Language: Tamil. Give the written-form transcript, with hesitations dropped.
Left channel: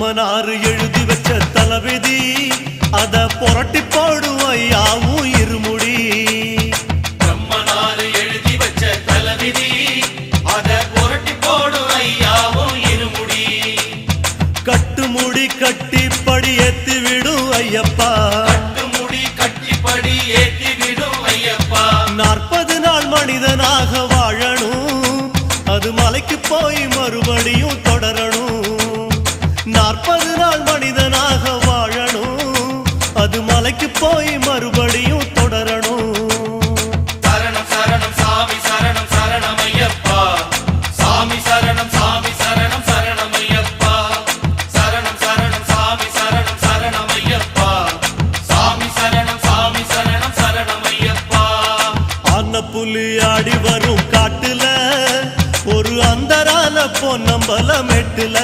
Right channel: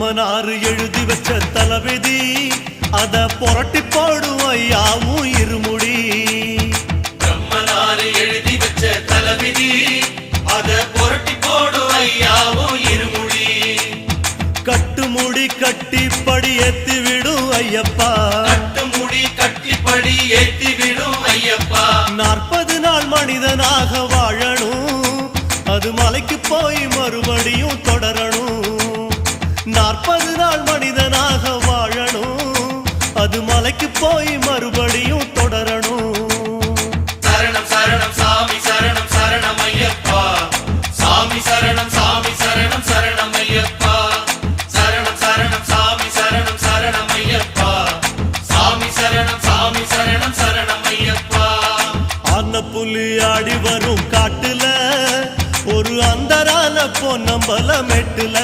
நம்மனாரு எழுதி வச்ச தளபதி அத புரட்டி போடும் ஐயாவும் இருமுடி. நம்மனாரு எழுதி வச்ச தளபதி அத புரட்டி போடும் ஐயாவும் இருமுடி. கட்டுமுடி கட்டிப்படி ஏத்தி விடும் ஐயப்பா, கட்டுமுடி கட்டிப்படி ஏத்தி விடும் ஐயப்பா. 40 நாள் மனிதனாக வாழணும், அது மலைக்கு போய் மறுபடியும் தொடரணும். 40 நாள் மனிதனாக வாழணும், அது மலைக்கு போய் மறுபடியும் தொடரணும். சரணம் சரணம் சாமி சரணம் சரணம் ஐயப்பா. சாமி சரணம் சாமி சரணம் சரணம் ஐயப்பா. சரணம் சரணம் சாமி சரணம் சரணம் ஐயப்பா. சாமி சரணம் சாமி சரணம் சரணம் ஐயப்பா. ஆன புலி ஆடி வரும் காட்டுல ஒரு அந்தரான பொன்னம்பல மெட்டுல